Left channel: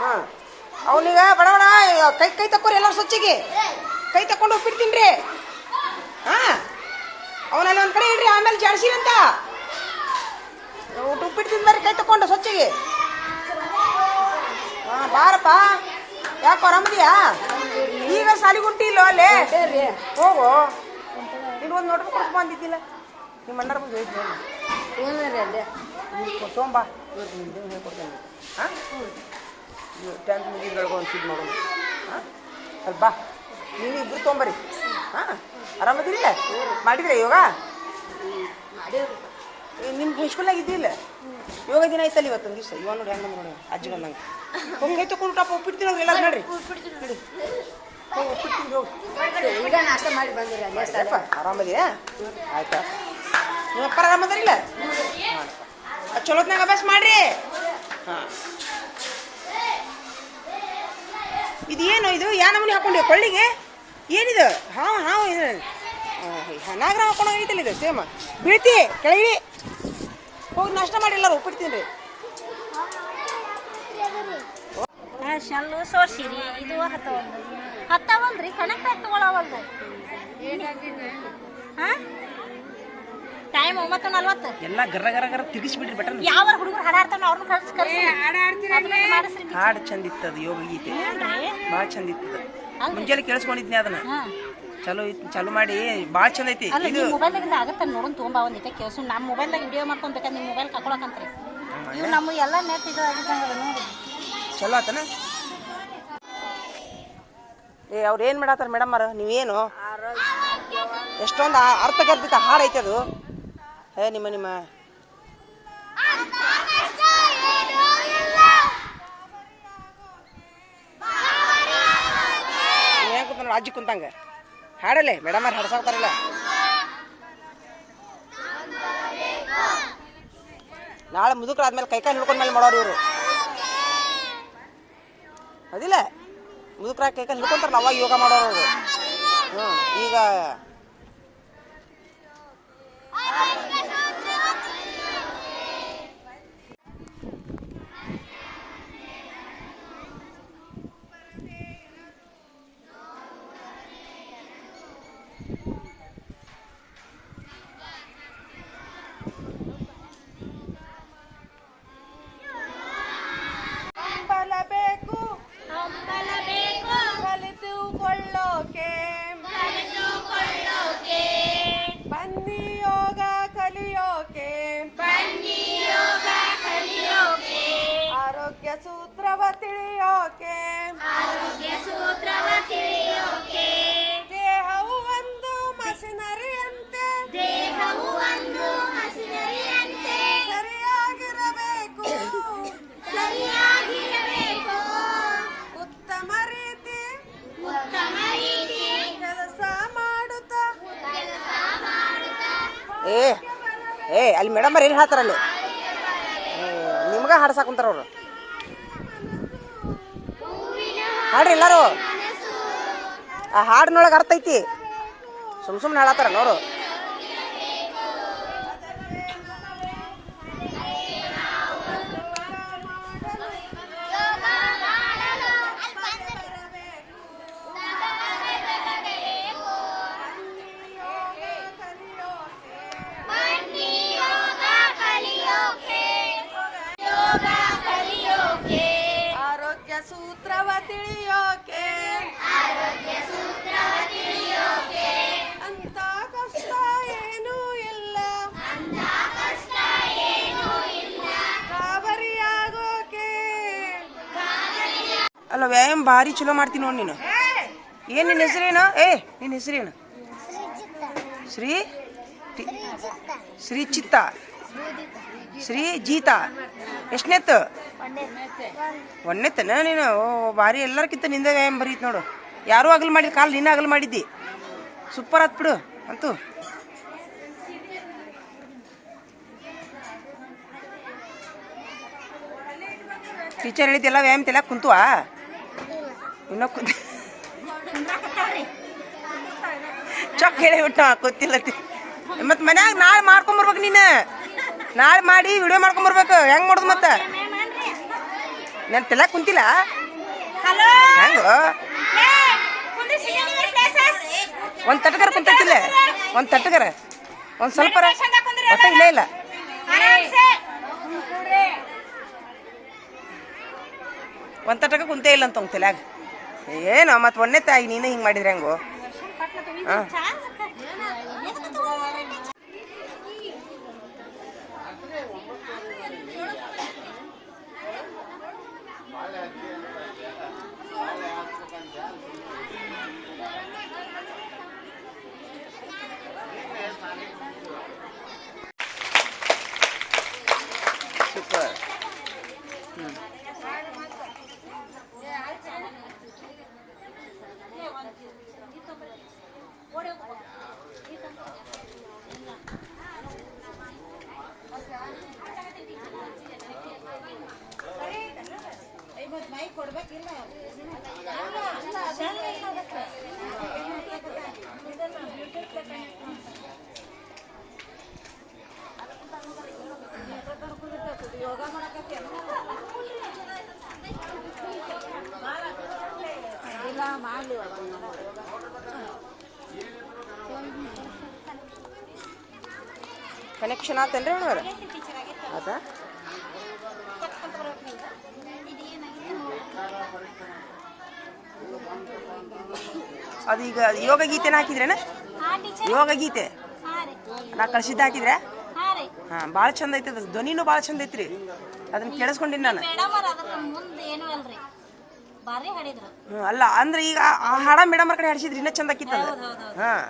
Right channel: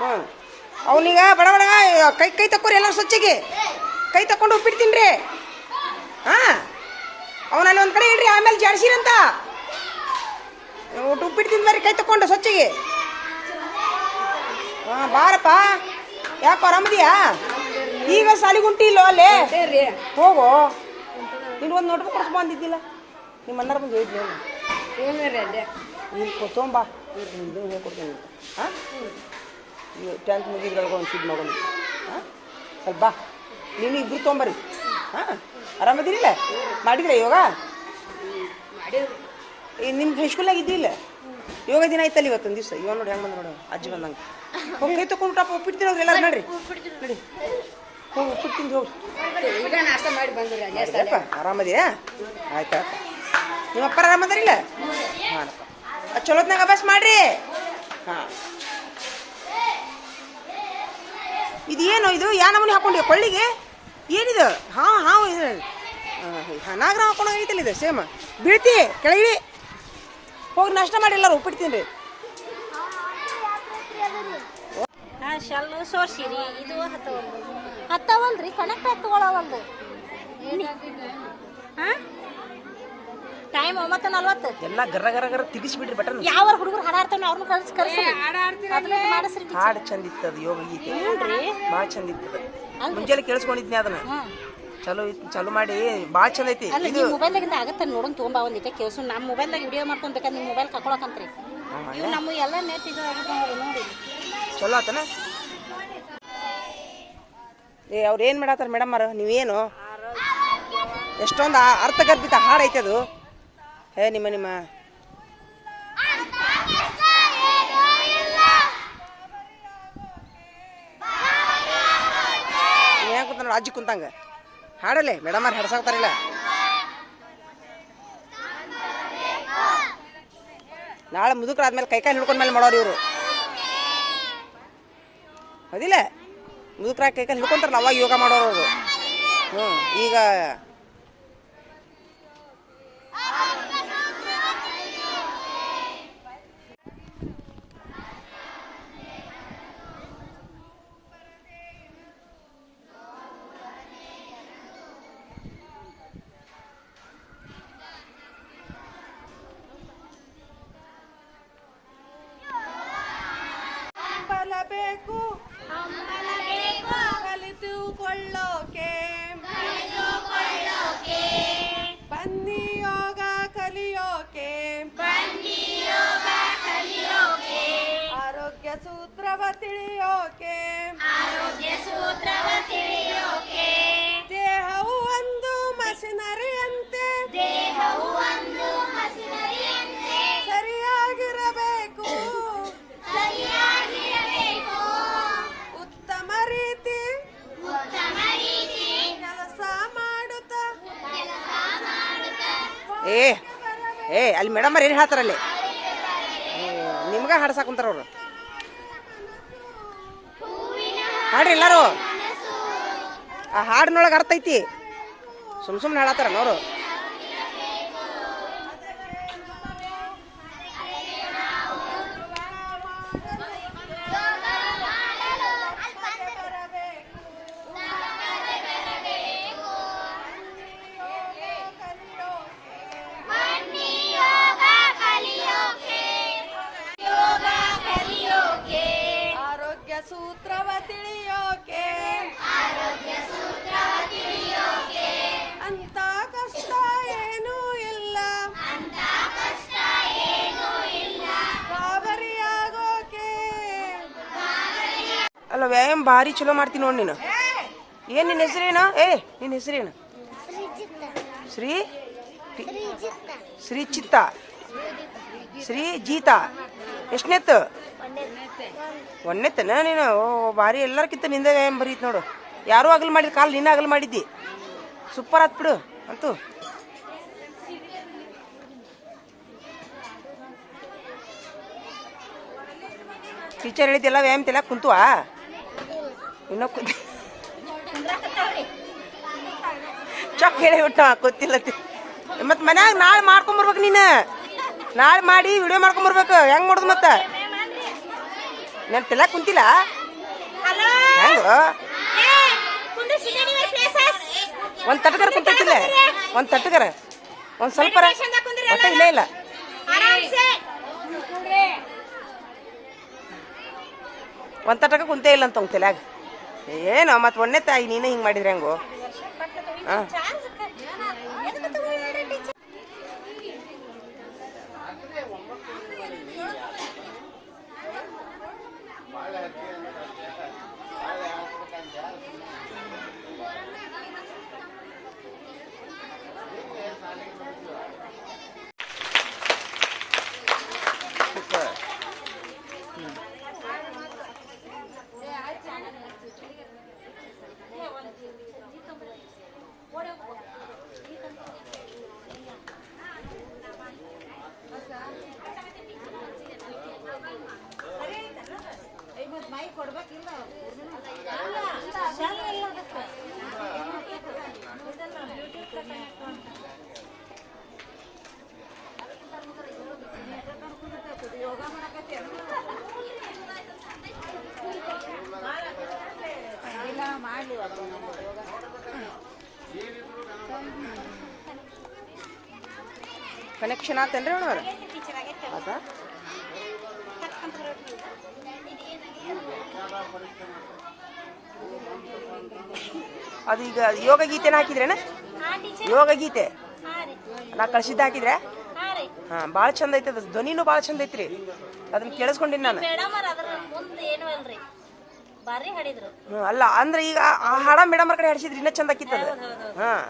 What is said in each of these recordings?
ಹಾಂ ಅವನೀಗ ಬಡ ಬಡ ಕೈ ತಕ್ಕೋರಿ ಎಲ್ಲ ಸ್ವಚ್ಛಗೆ ಕೈ ತಕೊಂಡು ಉಪ್ಪಿಟ್ಟು ತಿನ್ರಿ. ಹಾಂ ಅವನಲ್ಲಿ ಒಂದು ಕಡೆ ಇಡ್ರಿ, ಆಮೇಲೆ ಜಾಡ್ಸಿರಂತ ಉಪ್ಪಿಟ್ಟು ತಿಂದು ಬರ್ರಿ ಕೈ ತಕೊಂಡು ಸ್ವಚ್ಛಗೆ. ಹಾಂ ಬಾರಪ್ಪ. ಯಾಕೋ ಆರಾಮದಿಯಾ? ಈಗ ಸಾಲಿಗುಂಟಿ ಇಲ್ಲೋ ಅಲ್ಲೇ ಹೋಗು. ನೀನು ಒಂದು ನೋಟ್ಬುಕ್ ಕೊಡ್ಸ್ ಬಂದಿದ್ದಿಲ್ಲ, ನಿಮ್ಮ ಅಣ್ಣರ ಬಂದು ಹೇಳಿದ್ದೆ ಅಲ್ಲೇ ಈಗ ತೊಗೊಂಬಾ ಕೊಡ್ತೇನೆ. ಹಾಂ ಟ್ಯಾಂಕ್ ಮುಗಿದ್ರೊಳಗೆ ಒಂದು ಸಿದ್ದು ಮಾಡೋಣ. ಹಾಂ ಸ್ವಲ್ಪ ಬಾ, ನೀವು ಇಬ್ಬರು ತೊಗೊಂಬರಿ. ಹಾಂ ಆರಾಮದಿರಿಲ್ಲ? ಮಾಡಿದ್ರೆ ಯೋಗ ನಿಮ್ಗೆ ಹೈಸ್ಕೂಲಾಗ ಇದ್ದಿಲ್ಲ? ಯೋಗ ದಿನ ಐತಲ್ಲ ಇವತ್ತೊಂದು ದಿವಸ. ಇವಾಗ ನೋಡಿ ಹೆಂಗೆ ನೋಡು ಅಜ್ಜಿ ಬಂದಂಗೆ ಕೈ ತಗೊಂಡು ಟಾಪ ಉಪ್ಪಿಟ್ಟು ತಿನ್ನೋದು ಎಲ್ಲ ನೋಡ್ರಿ. ನಡಿ ಹೋಗಿ ಉಪ್ಪಿಟ್ಟು ತಿಂದು ಹೋಗಿ ನಾಷ್ಟ ಮಾಡಿ ಬಂದಿರ. ಆರಾಮದಿಯಾ? ಆಯ್ತಾ? ನಿಮ್ಮಪ್ಪ ಆರಾಮದಿರಿಲ್ಲ? ಹಾಂ ಚಲೋತ್ನಾಗ ಅಭ್ಯಾಸ ಮಾಡ್ರಿ. ಹಾಂ ಇದು ಏನು ಇದು ಯಾ ನಮೂನಿ ಹಾಕೊಂಡಿ ಕೊಳ್ಳಿಗೆ? ಏನಿದು? ಹಾಂ ಹಾಂ ಇದು ನಾಗರ ಹಾಕೊಂಡು ಆಗೈತಲ್ಲ ಇದು ಸೇಮ್. ಬೀಳ್ತಿ ಕೆಳಗಿಳಿ ಹೋಗಿ ನಾಷ್ಟ ಮಾಡಿಲ್ಲ ಉಪ್ಪಿಟ್ಟು ತಿನ್ರಿ. ಶಲ್ಲು ಸೋರ್ಸಿರಿ ಇದು ಹತ್ತವಲ್ರಿ ಕನೆಕ್ಟ್ ಆಗಿ ತಗೊಳವಲ್ದು. ಹಾಂ ಟೈಮ್ 9:40 ಎಲ್ಲ ಗರ ಗರ ಗರ ತಿರ್ಗಿಸ್ಬಿಡ್ರಿ ಬಟನ್. ಯಾವ ಹುಡುಗರು ಹಾಡಾಡ್ತಾನೆ ಅವ್ರನ್ನ ಕಳ್ಸಿ ಹಾಡು ಚಂದ ಇತ್ತದ ಯೋಗ ಗೀತೆ ಭಾಳ ಚಂದ ಇತ್ತದ. ಮುಂಜಾನೆ ಕೇಳಿಸ್ಕೊಂಡಿದ್ನಿ ಅದನ್ನ. ಚಲೋ ಇತ್ತು, ಚಲೋ ಮಾಡಿ ಭಾಳ ಚಂದ ಐತಿ. ಇದು ಮೊಬೈಲ್ದಾಗಿಂದ ಆಗತ್ತೆ ನೋಡೋಣ ತೊಗೊಂಬ ಒಂದಿತ್ತೆ ಕೇಳಿಸು. ನಮ್ಮ ಮೊಬೈಲ್ದಾಗ ವಿಡಿಯೋ ಮಾಡ್ಕೊಂಡ್ಬೇಕಾದ್ರೆ ನಿಮ್ಮ ಮೊಬೈಲ್ ಕಳ್ಕೊಳಕಂತ್ರಿ. ನಮ್ಮ ಎಲ್ಲ ನೆಟ್ ಇದು ಆಗಿದ್ದ ನೋಡಿ ಚಲೋ ಆತನ. ಏ ಅವ್ರು ಏನು ಮಾಡತ್ತಾರ ಮೇಡಮ್ ಅವ್ರ? ನೀವೇನು ಎಷ್ಟೊಂದು ಅರ್ಥಗರ್ಭಿತ ಹಾಡು ಐತೆ ಅದು. ನಿಮ್ಮ ನಿಮ್ಮ ಏನು ಕುಂತ ನೋಡಿ ಅಜ್ಜಿ ಕುಂತಂಗ ಹಾಡಲ್ಲೇ ಮೇಡಮ್ ಅವ್ರು ಹಾಡ್ಸಾಕ್ತಾರಲ್ಲ. ನಾಳೆ ಮುದುಕರು ಆದ್ಮೇಲೆ ಕೈಕಾಯಿ ಹಿಡ್ಕೊಂಡ್ಮೇಲೆ ಮಾಡೋರು ಇವರು. ಅದಿಲ್ಲ ಮುದುಕರಾಗಿ ಕೈಕಾಯಿ ಹಿಡ್ಕೊಂತಾರಲ್ಲ ಅವಾಗ ಯೋಗ ಮಾಡೋರು ಅವರು. ಈಗ ಸೂತ್ರವ ತಿಳಿಯೋಕೆ ದೇಹವು ಒಂದು ಮಷಿನರಿಯಂತೆ ಸರಿಯಾಗಿರಬೇಕು ಉತ್ತಮ ರೀತಿ ಕೆಲಸ ಮಾಡುತ್ತಾ. ಏ ಅಲ್ಲಿ ಮೇಡಮ್ ಅವ್ರು ಏನು ಹೇಳ್ತಾರಲ್ಲಿ? ನಿಮ್ಗ ಹಾಡ್ಸಾಕುಂತಾರ ಅವರು. ಹಾಡ್ರಿ ಎಲ್ಲಾರು. ಆ ಹಾಡಿನೊಳಗೆ ಅರ್ಥ ಐತಿ. ಸುಮ್ಮನೆ ಹಾಡತ್ತಾರ ನೋಡು. ಸೂತ್ರವ ತಿಳಿಯೋಕೆ ಅಂತ ಕಷ್ಟ ಏನೂ ಇಲ್ಲ ಗಾಬರಿಯಾಗೋಕೆ. ಅಲ್ಲ ವ್ಯಾಯಾಮ ಭಾರಿ ಚಲೋ ಮಾಡ್ತೀನಿ ನೋಡಿ ನೀನು. ಏನ್ ನಿನ್ನ ಹೆಸರೇನು? ನಿನ್ನ ಹೆಸರೇನು? ಶ್ರೀ ಚಿತ್ತ ಶ್ರೀ ಜೀತಾ. ಎಷ್ಟನೇತ್ತು? ಒಂದನೇತ್ತನ ನೀನು? ಓ ಭಾರಿ ಎಲ್ಲರ್ಕಿಂತ ನಿಂದ ವ್ಯಾಯಾಮ ಬರೀತ್ ನೋಡು. ಯಾರೂ ಅಗಲ್ ಮಾಡಿದ್ ಕಾಲು ನೀನು ಅಗಲ್ ಮಾಡಿದ್ದಿ. ಸೂಪರ್ ಆತ್ ಬಿಡು ಅಂತೂ. ಟೀಚರ್ ಹೇಳಿದ್ದೆಲ್ಲ ವ್ಯಾಯಾಮ ತೆಲ ಕುಂತುವಾ? ಇನ್ನೂ ಕುಂತ ಚೊಕ್ ಹೇಳಿ ಬಿಟ್ಟ ಗೊತ್ತಿಲ್ಲ. ಮತ್ತು ಮನ್ಯಾಗ ನಾಳೆ ಮಾಡ್ಕೊಂಬರ್ಬೇಕು ನೀನು. ನಾಳೆ ಮಾಡಿ ವಿಡಿಯೋ ಮಾಡ್ಕೊಂಬರ್ಬೇಕು. ಹೆಂಗೆ ಮಾಡೋದು ಮತ್ತೆ? ನಾನು ತೆಲ್ಯಾಕ ಕುಂತಿಲ್ಲ ಹೆಂಗ ಒಂದು ತಟ್ಟಗರ ಕುಂತೈತಿಲ್ಲ ಒಂದು ತಟ್ಟಗರ ಒಂದು ಸ್ವಲ್ಪ ಒಟ್ಟ ಇಲ್ಲೇ ಇಲ್ಲ ಒಂದು ತಟ್ಟಕ ಕುಂತೇ ಇಲ್ಲ ಅಂತ ತೆಲ್ಯಾಗ ಏನು ಮತ್ತೆ ಒಂದೇ ತಾಯಿ ನೀನೇ ಹಿಂಗೆ ಮಾಡಿದ್ರೆ ಹೆಂಗೋ ಹಾಂ ಸೂಪರ್ ಕನೆಕ್ಷನ್ ಆತೇನ್ರಿ ಅಣ್ಣವ್ರ ಆತ ಅದು ಈಗ ಯೋಗ ಗೀತೆನ ಹಾಕಿದ್ರೇನ ಯೋಗ ಗೀತೆ ನಾ ಕಳ್ಸಿದ್ದ ಹಾಕಿದ್ರೆ ಹಾಂ ಭಾಳ ಚಂದ ಐತೆ ಅದು ಧ್ವನಿನೂ ಭಾಳ ಚಂದ ಐತ್ರಿ ಅದನ್ನ ಕೇಳಿಸ್ಕೊಂಡಿನಿ ನಾನು ಅಲ್ಲ ಅಂದ್ರೆ ಈಗ ಆ ಹಾಡ ಮೇಡಮ್ ಕಡೆ ಹಾಡಿಸಿದ್ರಿ ಇನ್ನೂ ಚಂದ ಆಕಿತ್ತದ ಹಾಂ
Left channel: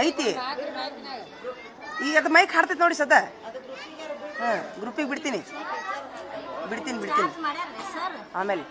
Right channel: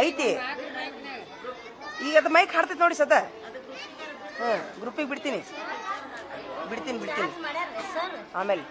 ಐತಿ ಈಗ ಅದು ಮೈಕ್ ಹಾಡ್ತೈತಿ ನೋಡಿ ಸದ ಹಾಂ ಗ್ರೂಪಿಗೆ ಬಿಡ್ತೀನಿ ಆಮೇಲೆ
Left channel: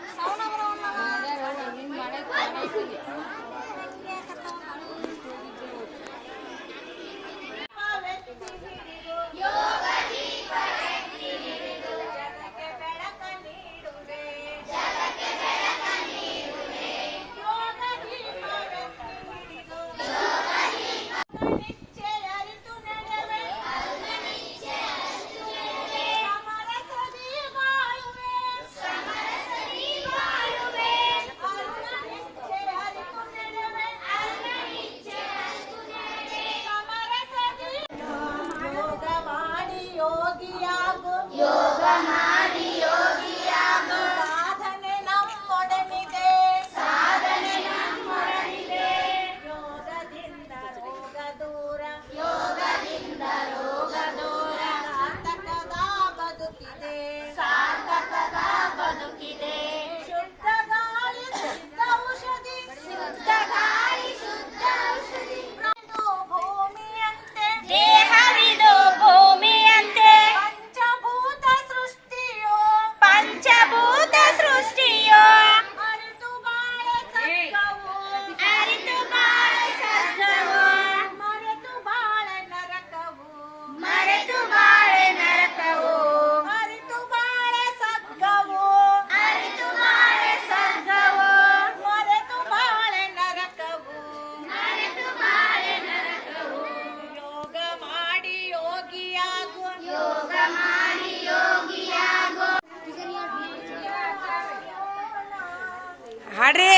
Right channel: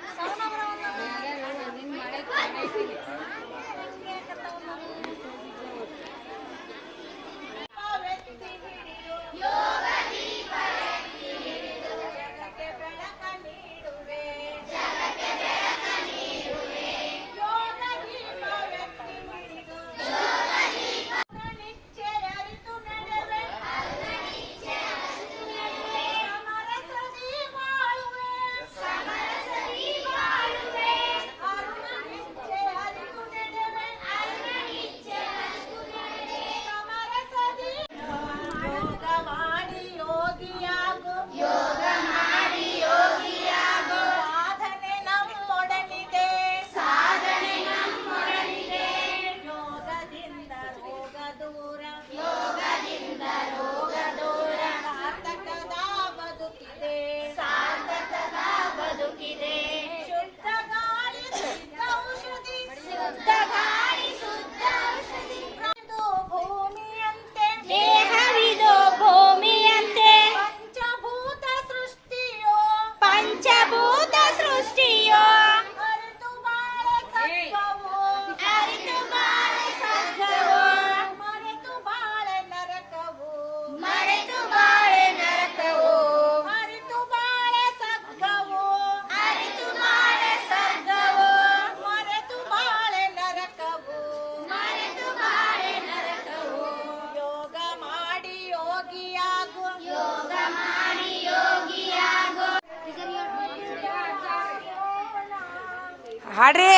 ಹಾಡ್ರಿ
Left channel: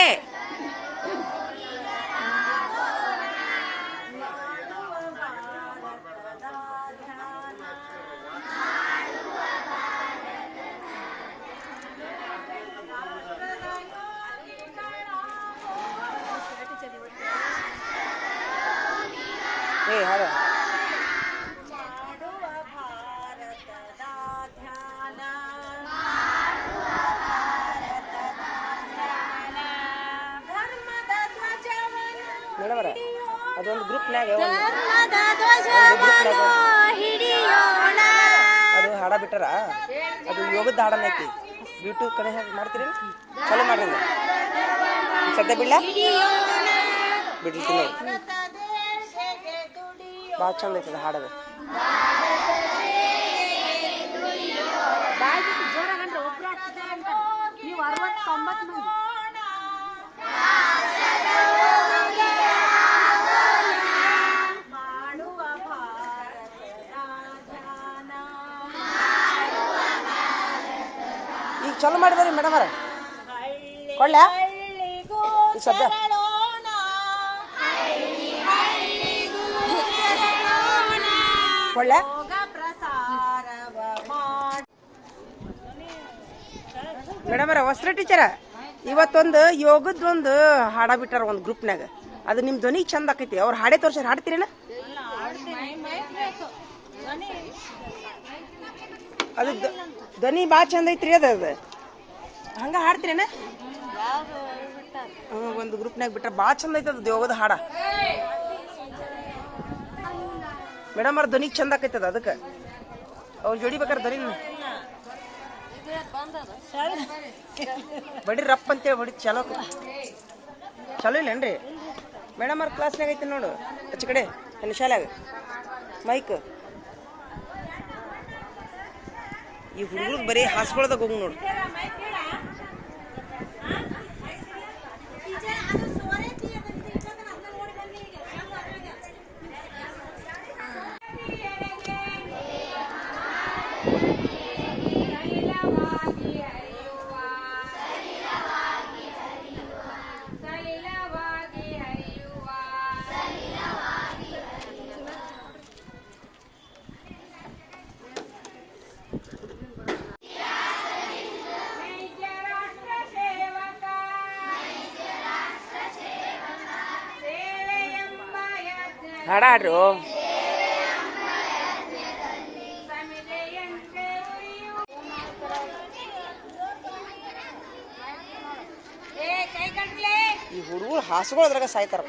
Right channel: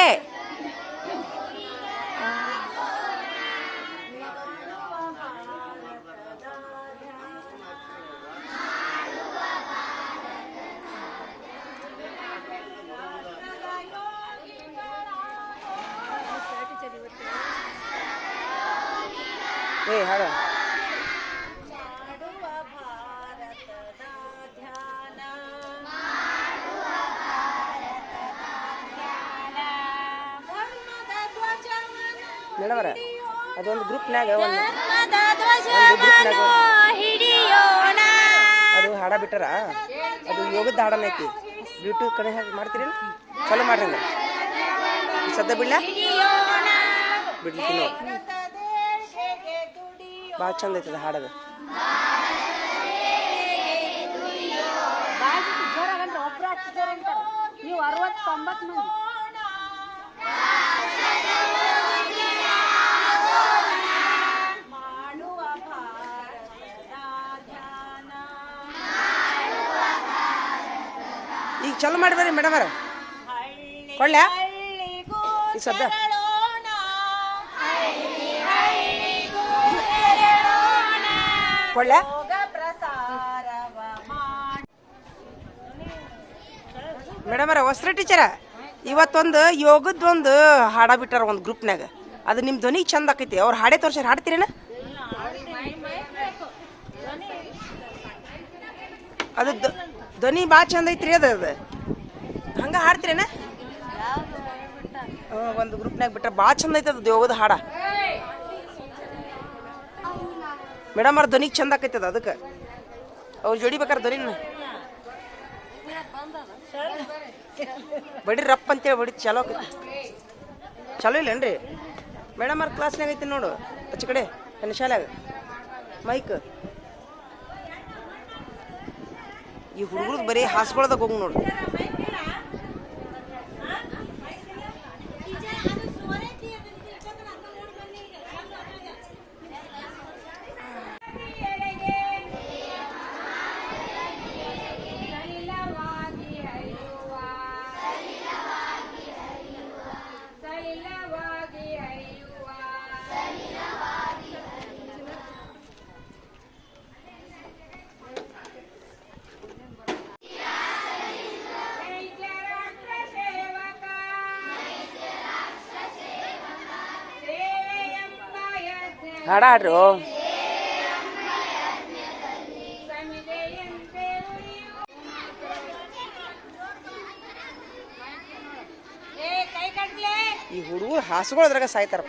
ಹಾಡ ಮೇಡಮರ ಅದೊಂದು ಗ್ರೂಪ್ನಾಗ ಅದು ಹಾಡ ಬಿಟ್ಟಾರ ಅದು ಯೋಗದ ಹಾಡನ ಐತಿ ಯೂಟ್ಯೂಬ್ ಕಡೆ ಮಾಡ್ತೀರಿ ಚಲೋ ಮಾಡ್ರಿ ಸದ್ಯ ಬಿಡ್ಲ ಬಿಡ್ಲಿಕ್ಕೆ ನೋಡಿ ಭಾಳ ಚಂದ ಐತದ ಹಾಡದು ನೀವು 60-90 ಮಂದಿ ಈಗ ಚಲೋ ಮಾಡಿದಾರೆ ಮೇಡಮ್ ಅವ್ರ ಕೊಳ್ಳ ಈ ಸದ್ಯ ಕೊಳ್ಳ ಮೇಡಮ್ ಅವ್ರ ವಸ್ತ್ರ ಟೀಚರ ಇವತ್ತೊಂದು ಯೋಗದೊಂದು ಹಾಡ ಬಿಟ್ಟಾರ ಒಂದು ಗ್ರೂಪ್ನಾಗ ಅದು ನಿಮ್ಮ ಧ್ವನಿ ಚಂದ ಆಕೈತಿ ಅವ್ರು ಹಾಡೇ ತೋರ್ಸಾರ ಹಾಡ್ತೀರೇನ ಅದು ಧ್ವನಿ ಭಾಳ ಚಂದ ಐತ್ರಿ ಅದು ಹಂಗ ಹಾಡ್ತೀರೇನ ಒಂದು ಗ್ರೂಪ್ನಾಗ ಬಿಟ್ರೆ ಭಾಳ ಚಂದ ಐತೆ ಅದು ಯೋಗದ ಹಾಡ ಮೇಡಮ್ ಅವ್ರ ಧ್ವನಿಗೆ ಚಂದ ಆಕೈತದ ಅದಕ್ಕೆ ಅವ್ರು ಜೋಡಿ ಬೇಕಾರೆ ಧ್ವನಿ ಬಡಿ ರಪ್ಪ ಅಂತೇಳಿ ಬಡಿ ಚಲೋ ಚಲೋ ಇಲ್ಲೇನ್ರಿ ಮೇಡಮ್ ಅವ್ರ ಕ್ಲಾಸ್ನಾಗ ಐತಿ ನೋಡು ಆಚೆ ಕಡೆ ನನ್ನ ಶಾಲ್ಯಾಗ ಮೈಕ್ ಈ ಹುಡುಗರು ಬರೀ ಹಾಸ್ಕೊಳ್ದಾಗ ಹೋಗಿ ನೋಡು ಹಾಡ ಹಾಡ್ರು ಈ ಹುಡುಗರು ಹಾಸ್ಕೊಳ್ಳೋದ್ರಾಗ ಸಾಯ್ತಾರ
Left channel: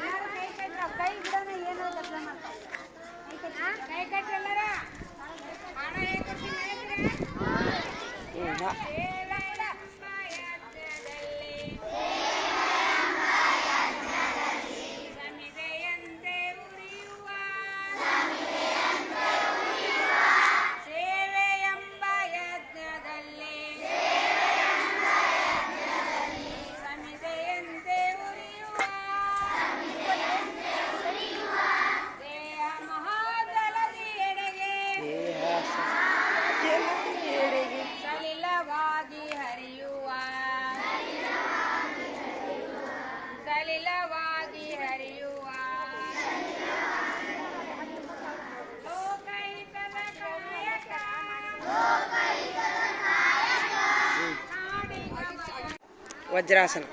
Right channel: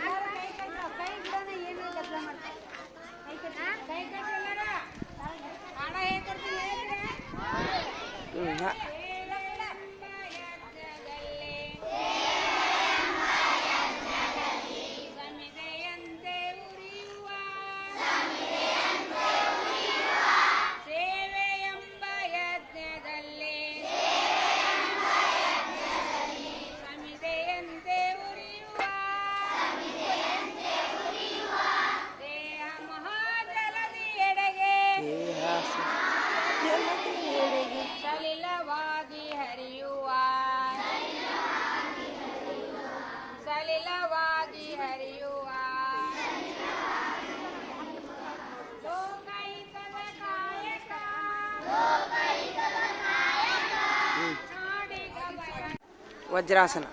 ವಜ್ರಾಸನ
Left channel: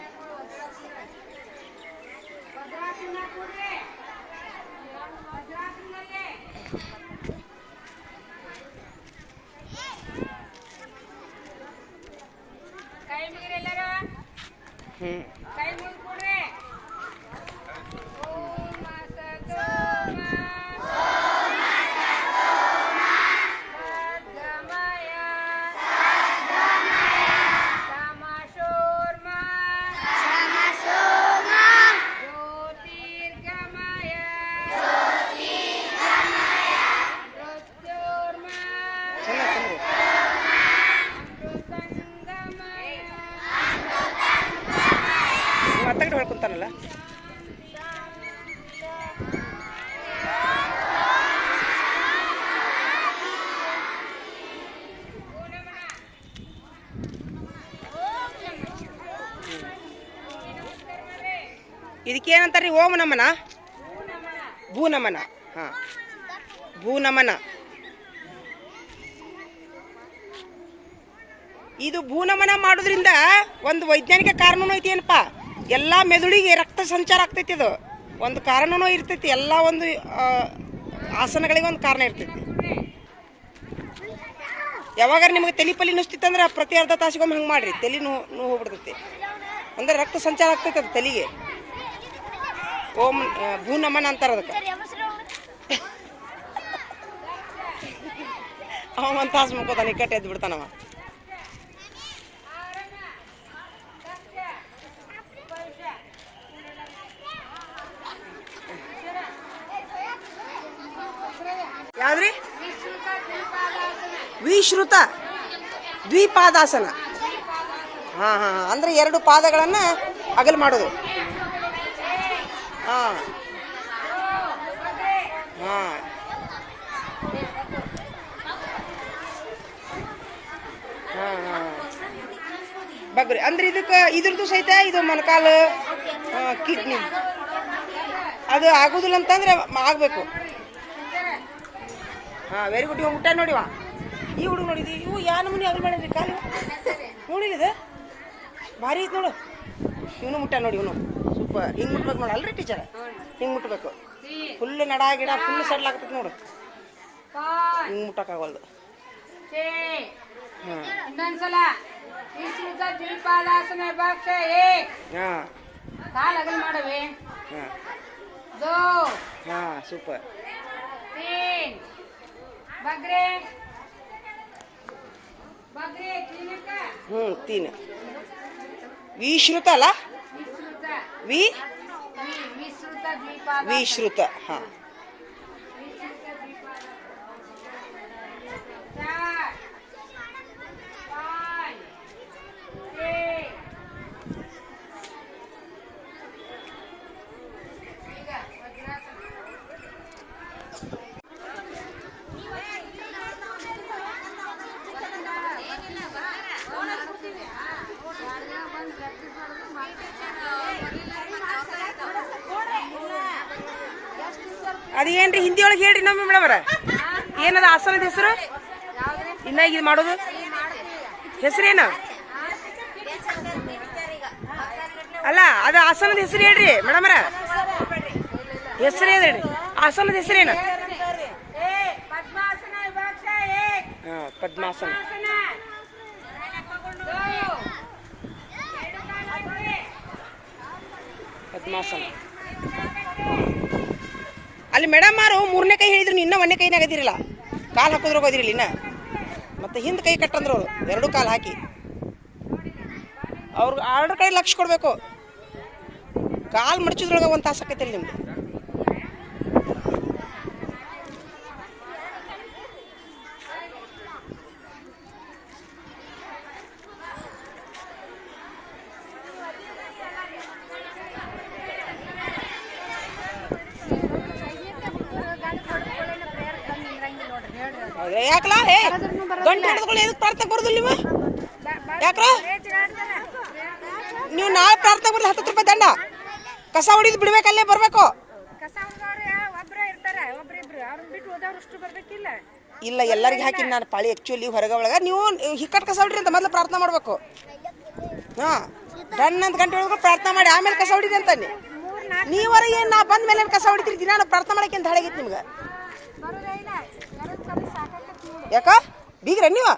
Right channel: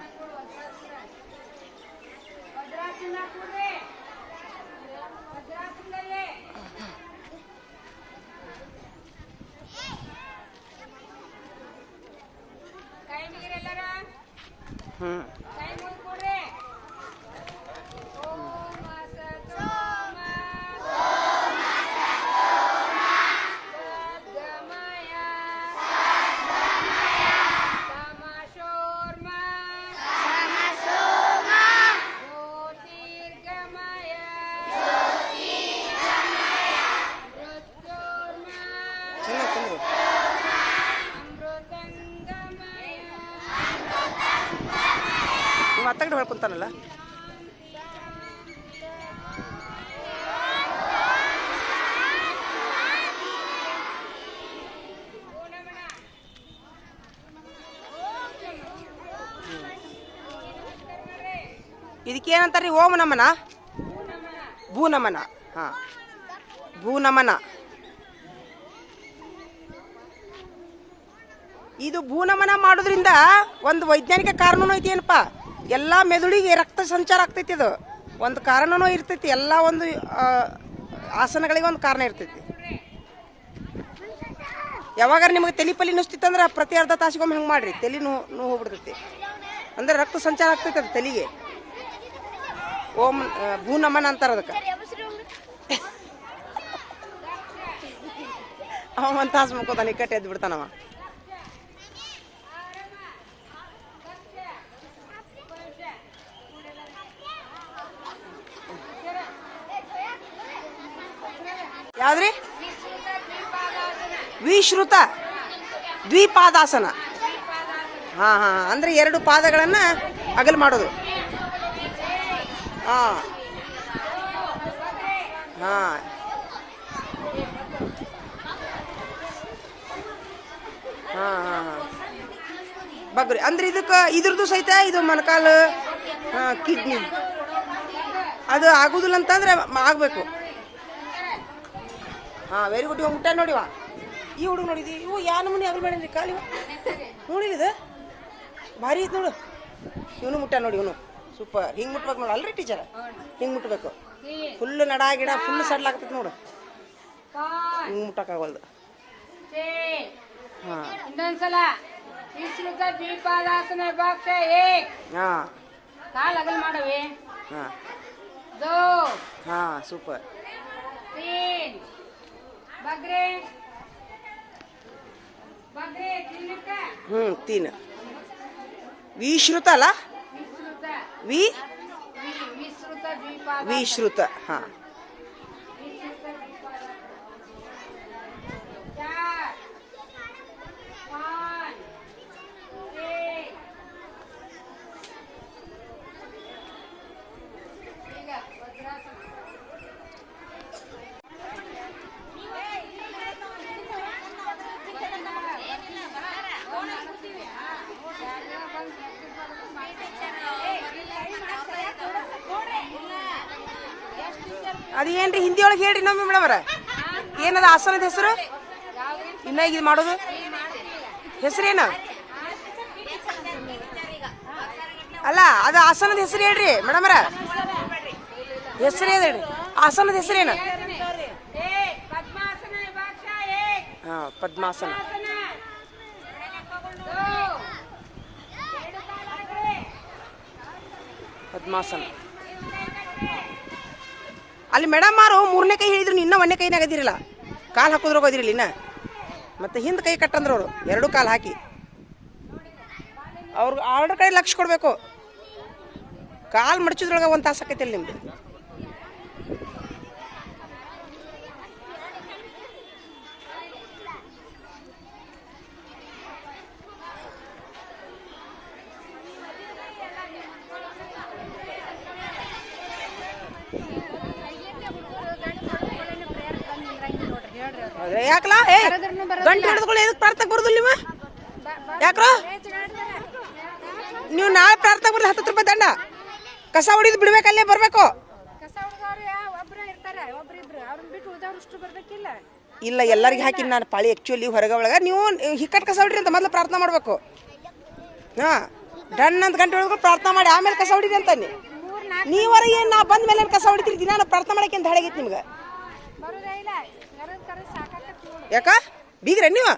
ಮಾತಾಡಿ ಹೇಳ್ಕೊಂತಾನಲ್ಲ ಇದಕ್ಕೇನಂತಾರ್ರಿ ಓಂ ನಮನ ಭೂ ನಮನ ಹಾ ಭೂ ನಮನ ಇದು ಭೂನಮನ ಮಾಡೋದ್ರಿಂದ ಒಂದು ವೈಜ್ಞಾನಿಕ ಕಾರಣನೂ ಐತಿ ಏನಪ್ಪ ಎಲ್ಲ ಮೆದುಳಿಗೆ ರಕ್ತ ಸಂಚಾರ ಆಗ್ತೈತಿ ಅದು ಒಂದು ಕಾರಣನೂ ಇರ್ತೈತಿ ಎಲ್ಲ ಒಂದು ಆಸನಗಳಿಗೆ ಒಂದು ಕಾರಣ ಇರ್ತೈತಿ ಯಾವಾಗಾರ ನಿಮಗೆ ತಲೆ ನುಸ್ತಿತ್ತಂದ್ರೆ ಪ್ರತಿ ಅರ್ಧ ತಾಸಿಗೊಮ್ಮೆ ಹಂಗೆ ಮಾಡ್ರಿ ತಲೆ ನೋವು ಹೋಗ್ಬಿಡ್ತೈತಿ ಅಂದ್ರೆ ರಕ್ತ ಸಂಚಾರ ಆಗ್ತೈತಿ ಅದು ತಲೆಗೆ ಓಂ ಭೂನಮನ ಅಂತಾರ ಅದಕ್ಕೆ ಅವ ಒಂದು ತಾಸು ಮುಕ್ಕೋತಾನೆ ಕಟ್ಟೆ ಎದ್ದು ಬಿಡ್ತಾನವ ಯಾವ್ದ್ರಿ ವಿಶ್ರುತ ದ್ವಿಪಾದಾಸನ ಹಾ ಹಾ ಅಂದ್ರೆ ಎರಡು ಪಾದಗಳನ್ನ ಅಗಲ್ ಮಾಡೋದು ಹಾ ಹಾ ಹಾ ಹಾ ಬಗ್ರಿ ಅಂದ್ರೆ ಇದ್ರದ್ದು ಸಹಿತ ಇದು ಮೊಣಕಾಲು ಕಿಡ್ನಿ ಅದು ಆಗುದಿಲ್ಲ ಅಂತಂದ್ರೆ ಆಗ್ಬೇಕು. ಹಾ ವೆರಿ ಗುಡ್. ಇವಾಗ ಮುಟ್ಟ ನೋಡಿವ ಈ ಹುಡುಗ ನೋಡಿದ್ವಿ. ಇವು ಯಾವ ನಮೂನಿ ಆಗಲ್ ಮಾಡಿದ್ರಿ ಕಾಲು ನೋಡಿದ ಭಾರಿ ಐತ್ ನೋಡು. ಇವನು ಮುಟ್ಟ ನೋಡಿ. ಇವನು ಸೂಪರ್. ಹಿಂಗ್ ಮುಟ್ಬೇಕು ನೋಡು ಅಲ್ರಿ ಟೀಚರ್, ಹಿಂಗ್ ಮುಟ್ಬೇಕು. ಫುಲ್ ನಡ ಗಿಡ ಫುಲ್ ಸಡ್ಲ್ ಆಗ್ತೈತಿ ನೋಡು. ಹಿಂಗ್ ಮುಟ್ಟಕ್ಕಾಗಲ್ದು. ಹಾ ಇನ್ನೊಂದ್ಸಲ ವಿಶ್ರುತ ದ್ವಿಪಾದಾಸನ ಭಾಗ ಹಾ ಕಾಲ್ ಅಗಲ್ ಮಾಡವಿ. ಹಾ ದೋ ಹಾ ಸೂಪರ್. तीन बगरे बगरे तीन का 3 ವಿಶ್ರುತ ಅಲ್ಲ विश्रुत द्विपाद ವಿಶ್ರುತ. ಹಾ ಅದೇನ್ರಿ ಹಿಂದಿ ಒಳಗೆ ಹೇಳ್ರಿ ನಮ್ಮಿ ಮೇಡಮರ. ಏನದ ಆಸನದ ಹೆಸರು? ಇನ್ನ ಇದು ಮಾಡೋದು ಹೆಸರೇನು ಅಲ್ಲ, ಅದು ಆಸನದ ಹೆಸರು ಹೇಳ್ರಿ ಮೇಡಮರ. ಹೆಸರು ಹೇಳ್ರಿ ಆಸನದ ಹೆಸರೇನು? ಹಾ ಪದ್ಮಾಸನ. ಪದ್ಮಾಸನ. ಅಲ್ಲಿ ಮೇಡಮ್ ಮಾರು 3ನೇ ಕೈ ಹೇಳಿದ್ರು, ಇನ್ನ 1ನೇ ಕೈನಾಗ ಅದಿರಲ್ಲ. ಕಾಲು ಹಾಕೋದ್ರಾಗ ಅದಿರಲಿಲ್ಲ ಇನ್ನ. ಮತ್ತೆ ಹಿಂದೆ ಕೈ ಕಟ್ಟಂದ್ರು ಅವರು 2 ಕಾಲು ಹಾಕಿ. ಅವ್ರಿಗೆ 2 ಕೈ ಲಕ್ಷ ಕೊಡ್ಬೇಕು. ಕಾಲು ಮಡಚಿದ್ರೊಳಗ 1 ತಾಸು ಆಕೈತಿರಿ ನಿಮ್ದು. ಯಾಕಲ್ಲ ಗಂಟೆ ಹಿಡಿದುಕೊಳ್ಳಿ ಎದಕ್ಕೆ ಪ್ರಾರ್ಥನೆ ಬರುದಿಲ್ಲ ನೀವು? ಯಾಕ್ರ ನೀವು ನಾಳೆ ಪ್ರಾರ್ಥನೆ ಬರಲಿ 10 ರೂಪಾಯಿ ದಂಡ. ಕಸ ಹೊಡಿದು ಬಿಡ್ಬೇಕಲ್ಲೇ ಬರ್ಬೇಕು. ಇಲ್ಲ ಎಲ್ಲರಿಗೆ ಹಾಕಿ ನಾನು ಪಾಳಿ ಆಕ್ಚುಲಿ ಹೊರಗ ಒಳಗ ನೀವು ಹಿಕ್ಕಟ್ ಕಸ ಹೊಡ್ರಿ ಅಂತ ಮೊದಲು ಪ್ರಾರ್ಥನೆ ಮಾಡ್ಬೇಕು. ಹಾ ಡನ್ ಅಂತ ಗಂಟೆ ಒಳಗೆ ಪ್ರಾರ್ಥನೆ ಮಾಡಿ ಆಮೇಲೆ ಕಸ ಹೊಡಿದೆ ಅಂತ ನೀವರ ಏನ್ ನಾ ಬಂದ ಮೇಲೆ ಕಸ ಹೊಡಿತೀರಿ ದಿನ ಪ್ರಾರ್ಥನೆ ಮಾಡಕ್ಕೆ ಅಂತ ಹೇಳಗೈತಿ ನಿಮ್ಗೆ. ಯಾಕ ಬೀಗ್ರ ನೀವು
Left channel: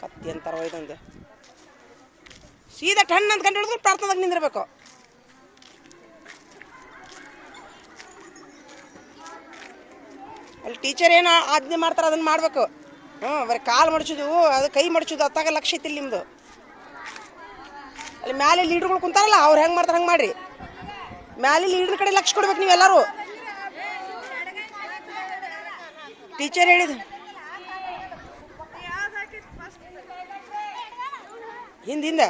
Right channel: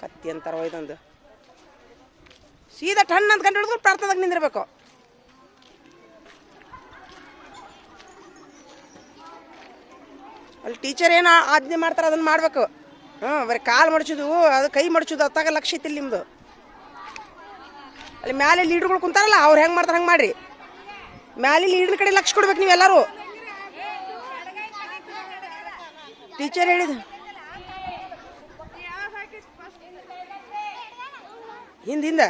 ಕತ್ತಿ ಅಂತಾರ ಒಯ್ದಂದೆ ಸೀದಾ ಟನ್ ಅಂತ ಗಂಟೆ ಹಿಡಿದ್ರು ಪ್ರಾರ್ಥನೆದಾಗ ನಿಂದಿರ್ಬೇಕು. ಅಲ್ಲಿ ಟೀಚರ್ ಏನು ಆಜ್ಞೆ ಮಾಡ್ತಾರ ಅದನ್ನ ಮಾಡ್ಬೇಕು. ಬರೀ ಕಾಲು ಮಡಚುದು ಅದು ಕೈ ಮಡಚುದು ಅತ್ತಾಗ ಲಕ್ಷ್ಯ ಐತಿಲ್ಲ ನಿಮ್ದು. ಅಲ್ಲಿ ಮ್ಯಾಲೆ ಲೀಡರ್ಗಳು ಕುಂತಾರಲ್ಲ ಅವ್ರು ಹೆಂಗ್ ಮಾಡ್ತಾರ ಹಂಗೆ ಮಾಡ್ರಿ. ಮ್ಯಾಲೆ ಲೀಡರ್ ಕಡೆ ಲಕ್ಷ ಕೊಡ್ಬೇಕು ನೀವೆಲ್ಲರೂ. ಟೀಚರ್ ಹೇಳಿದ ಹಿಂದಿಂದ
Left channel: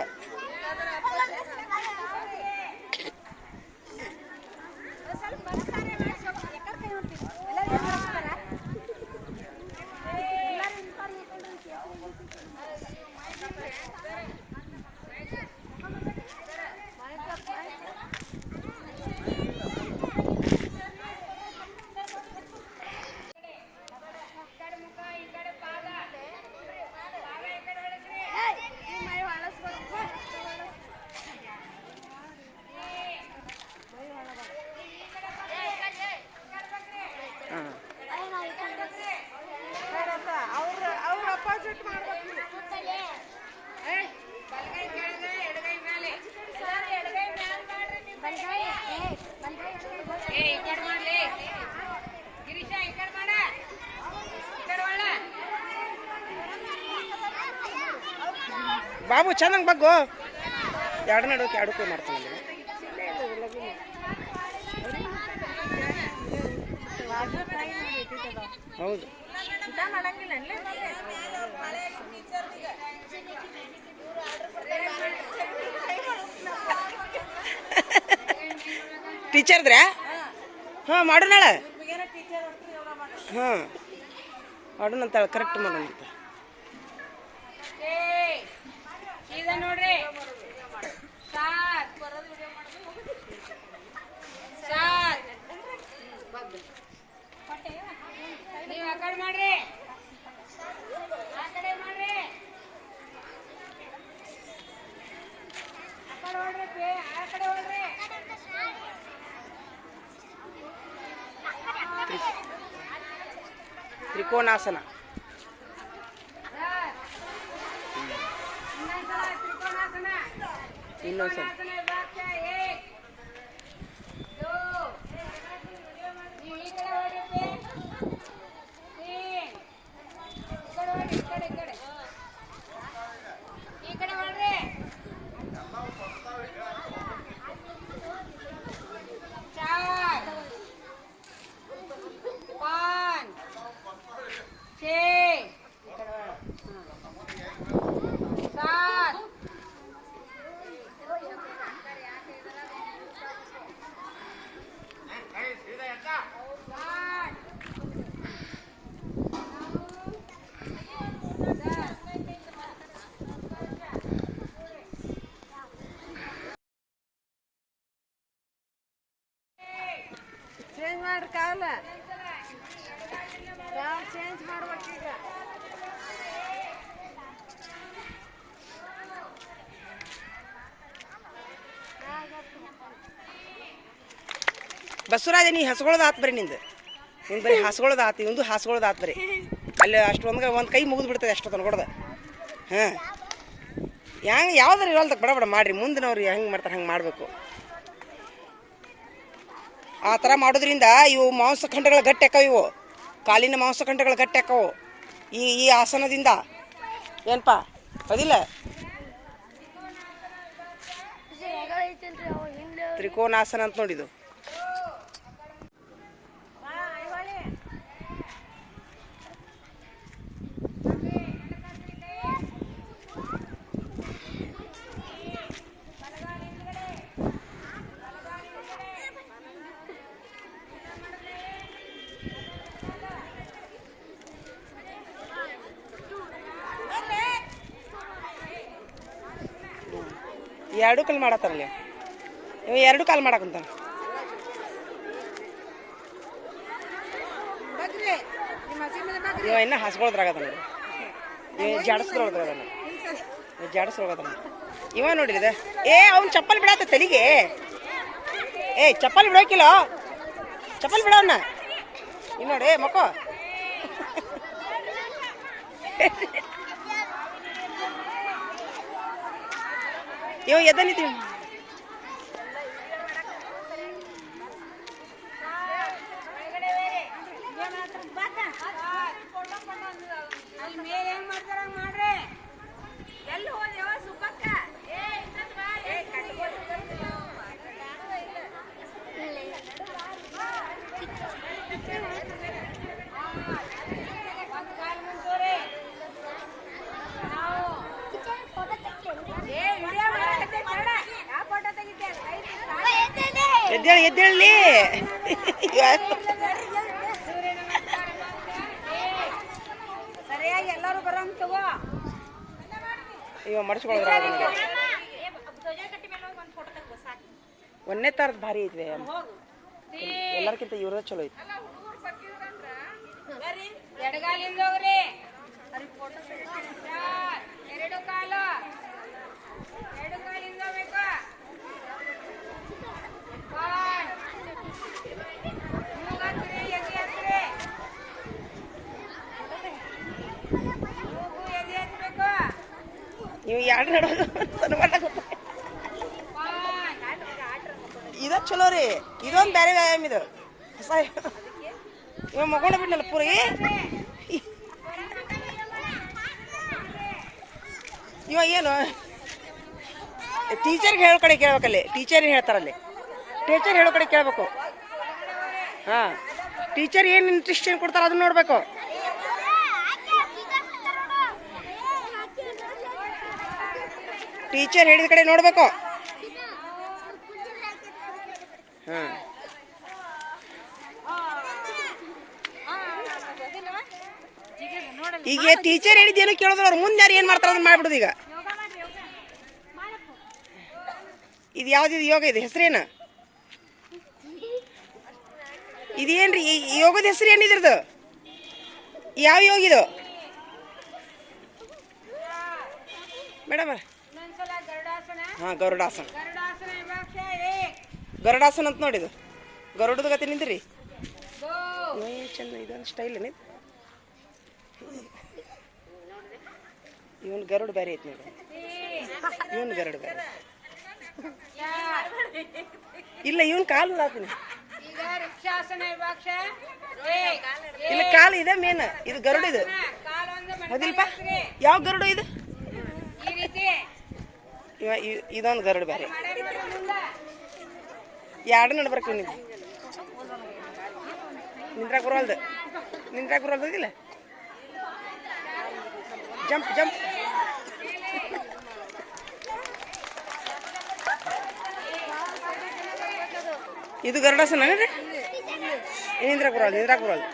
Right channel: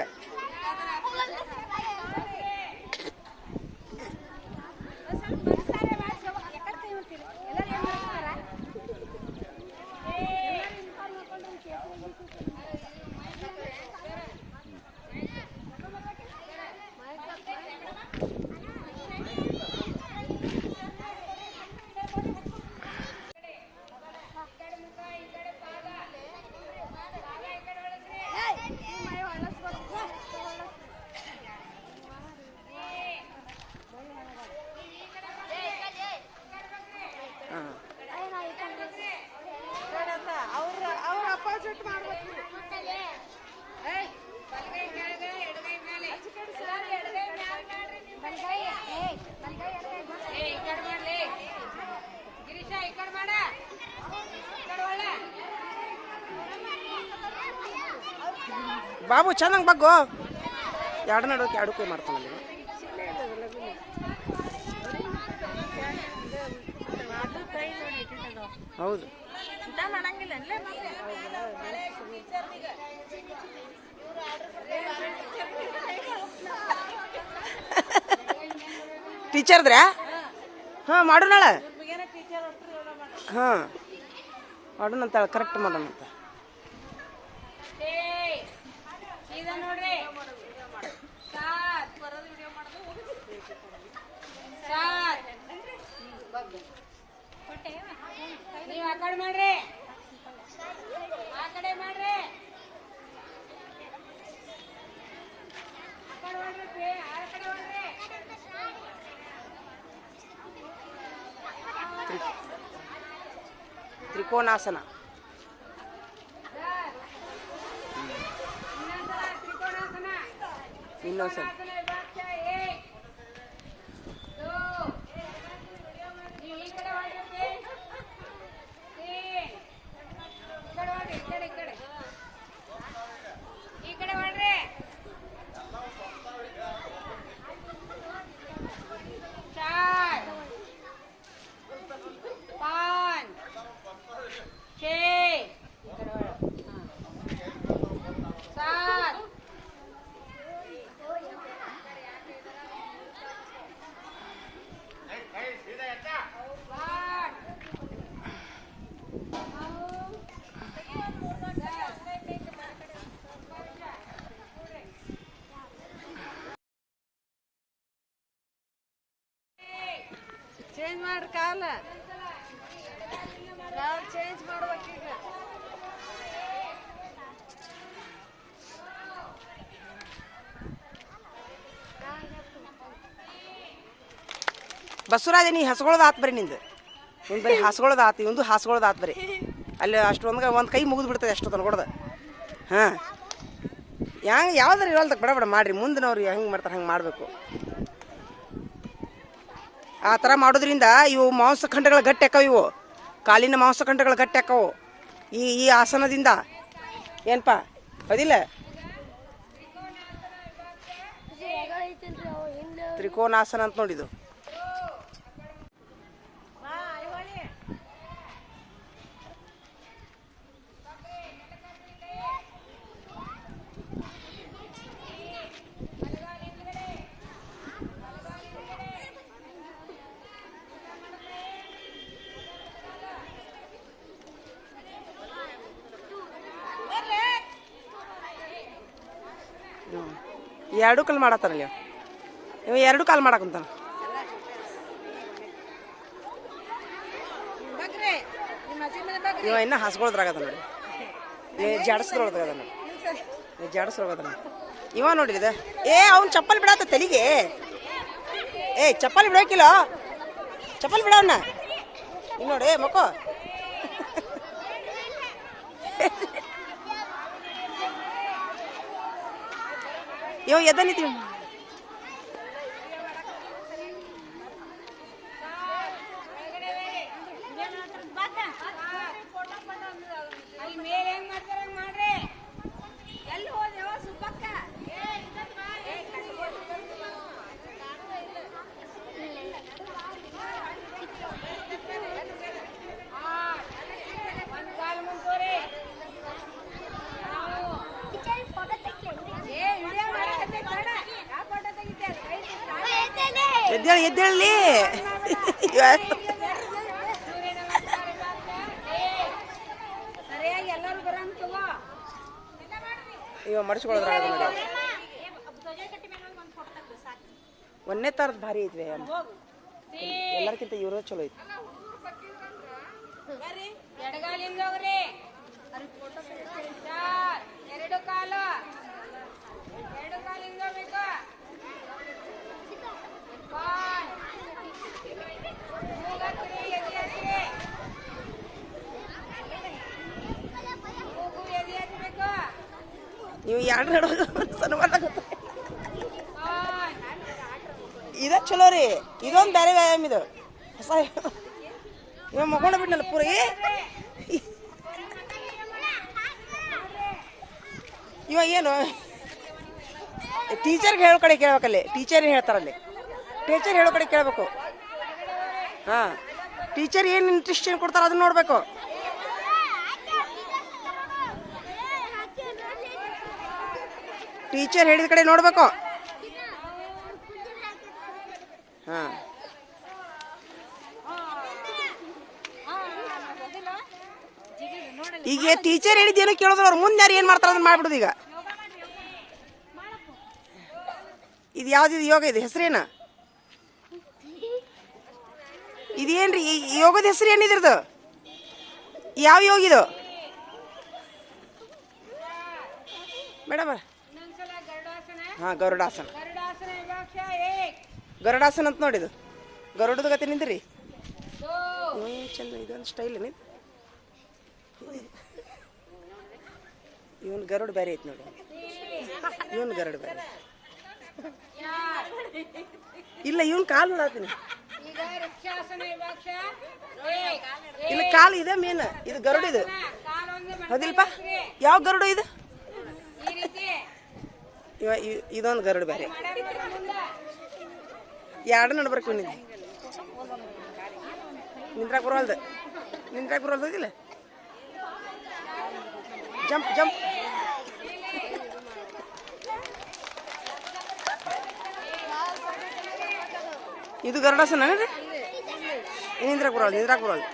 ಬಾಬು ಚೆನ್ನಾಗಿ ಬಗ್ಗು. 2 ನಡುವೆ 2 ಕೈ ಮಾಡ್ತಾನೆ. ಹೌದು ಟೀಚರ್ದ್ರ ಹಾಂ ಮಾಡೋಣ. ಹಾಂ ಮಾಡೋಣ ಅಂತ ಕರೆಕ್ಟ್ ಮಾಡೋಣ ಅಂತ. ತ್ರಿಕೋನಾಸನ. ಇನ್ನೊಂದ್ಸಲ ಚೇಂಜ್ ಮಾಡಿ ಕಾಲ ಚೇಂಜ್ ಮಾಡ್ಬೇಕೀಗ. ಬಸವರಾಜ ನೀ ಹಸ್ಗೊಳದ ಆತ್ ಬರೀ ನಿಂದು. ನಿಂದು ಬರೀ ಹಾಸ್ಗೊಳದ ಆತು, ಇವಂದು ಹಾಸ್ಗೊಳದ ಆತ್ ಬರೀ. ಅಲ್ಲಿ ಅಷ್ಟೊಂದು ಒಂದು ಕೈ ಮುಗಿದು ಬಿಡ್ತದೆ ಅಷ್ಟು ತನ್ಕೊಡ್ದ. ಹಾಂ ಹೆಂಗೆ ಯಾವ್ದಾರು ಇರಲ್ದಕ್ಕೆ ಬಡ ಬಡ ಮಾಡಿರಿ. ಮುಂದಿನವ್ರು ಹೆಂಗೆ ಮಾಡ್ತಾರೆ ಹಂಗೆ ಮಾಡಬೇಕು. ಆ ಥರ ಮಾಡೋದ್ರಿಂದ ಇವು ಮಾಂಸಖಂಡಗಳು ಗಟ್ಟಿ ಆಕ್ಕವು. ಇವು ಕಾಲಿನ ಮಾಂಸಖಂಡಗಳು ಗಟ್ಟಿ ಆಕ್ಕವು ಈ ಆಸನದಿಂದ. ಏನಪ್ಪ ಅದಿಲ್ಲ? ತ್ರಿಕೋನಾಸನ ಅಂತ ನೋಡಿದು. ಎರಡು ಕಾಲು ಮಾಡತ್ತಾರಲ್ಲ ಇವ, ಎರಡು ಕಾಲು ಮಾಡಕ್ಕಂತಾನ. ಇವ ಇನ್ನ ಹಸ್ಗೊಳದ್ರಾಗದ ನೋಡಿ. ಜಾಡಸ್ದ್ರೊಳಗದ ನೋಡಿ, ಜಾಡಸ್ರೊಳಗದ ನೋಡಿ. ಇವ ನೋಡಿದ ಅವ್ನು ಚಪ್ಪಲ್ ಬಿಡತ್ತ ತಲೆಗೆ. ಚಪ್ಪಲ್ ಬಿಡೋಕಿಲ್ಲ, ಚಪ್ಪಲ್ ಬಿಡವನ್ನ. ಇನ್ನು ನೋಡಿ ಮಕ್ಕೋ ಇವ ಎದ್ದ ನಿಂತೀವಿ. ಮೇಲೆ ಹೆಂಗ್ ಮಾಡ್ತಾರ ಮಾಡ್ರಿ. ಎಲ್ಲಿ ಹೋದೆವ ಸುಬ್ಬಕ್ಕ? ಎದ್ದೇಳಿ ಎದ್ದೇಳಿ. ಸರಿಯಾಗಿ ಎಲ್ಲರೂ ಬರಂತ ಇವ ಮಡಿಸ್ಕೊಳ್ಳೋದ್ರಾಗ ನೋಡಿ. ಒಂದೇ ಥರದ್ದು ಭಾರಿ ಐತ್ವೆ. ಎಲ್ಲರಿಗಿಂತ ಇವ್ರದ ಚಲೋ ಐತಿ. ಎಡಗಾಲಿಂದ ಹೋಗ್ರಿ. ಎರಡು ಕಾಲು, ಎರಡು ಕಾಲಿಂದ ಬೇಕಾ? ನೀವು ಎರಡು ನಡೋದು ಇದ ಚಲೋ ರೀ. ಇದೊಂದು ಬೇರೆ ವ್ಯಾಯಾಮ ಇದು ಹೊಸ. ಇವ ಮಗೊಂಡ ಬಿಡ್ನಲ್ಲ ಪೂರಿ. ಇವ ಏನು ಟೀಚರ್ಗೆ ಹೇಳೋ ಕಡೆ ಕೇಳ್ಬೇಕಲ್ಲಿ. ಟೀಚರ್ ಹೇಳ್ತಾರಲ್ಲಿ, ಟೀಚರ್ ಹೇಳೋ ಕಡೆ ಕೇಳಬೇಕು. ಹಾಂ, ಟೀಚರ್ ಏನು ಇಂಟ್ರೆಸ್ಟ್ ಕೊಡ್ತಾರೆ ಅದನ್ನ ನೋಡಬೇಕು. ಟೀಚರ್ ಹೇಳಿದ ಕಡೆ ನೋಡಬೇಕು. ಹಾಂ, ಈಗ ಟೀಚರ್ ಹೇಳಿದ್ದೇನು ಕೇಳೋದ್ರ ಅವ್ರು ಮುಂದೆ ಯಾರು ಏನು ಮಾಡ್ತಾರೆ ಅದನ್ನ ಮಾಡ್ಬಿಡುದು. ಈಗ ಇದು ಯಾವ್ದಿದು ಯೋಗ? ಇದು ಹೆಸರೇನು? ಇದೇನ್ರಿ ಯೋಗದ ಹೆಸರು? ಏನಿದ್ರದ್ದು? ಯಾವ ಯೋಗ ಇದು ಮೇಡಮ್? ಹಾಂ, ಗರುಡಾಸನ. बादशाह एक ಗರುಡಾಸನ ಅಂತ ನೋಡಿದು ಗರುಡದ ಗತಿ ನಿಂದ್ರಿ दो ಚೆನ್ನ ಇದೊಂದು ಸ್ಟೈಲ್ ಏನಿದೆ ಇವನ್ ಗರುಡ ಬೇರೆ ಐತಿ ನೋಡಿ तीन ಇವನ್ ಗರುಡ ಬೇರೆ चार ಇಲ್ಲ ಇವನ್ ಕಾಲು ಹಾಕ್ತೀನಿ इधर वृक्षासन है विभाग एक ಇಲ್ಲ ಕಾಲು ಇದೆ ಮೇನ್ ಇದು ಗರುಡ ಇದು काल ಒಂದೇ ಹೌದಿಲ್ಪ ಯಾವ ಗರುಡ ಇದು ಈ ರೀತಿ ಇದೊಂದು ಗರುಡ ಬೇರೆ ಮುಂದೆ ಎರಡು ನಡ್ಬರ್ಕು ನೀವು ನಿಂದ್ರಾಕ್ ಬರೋಲ್ದಿಲ್ಲ ಜಂಪ್ ಜಂಪ್ ಇದು ಗರುಡಾಸನ ರೀ ನಿಂದ್ರಾಕ್ ಬರೋಲ್ ನಿಂದ್ರಾಕ್ ಬರೋಲ್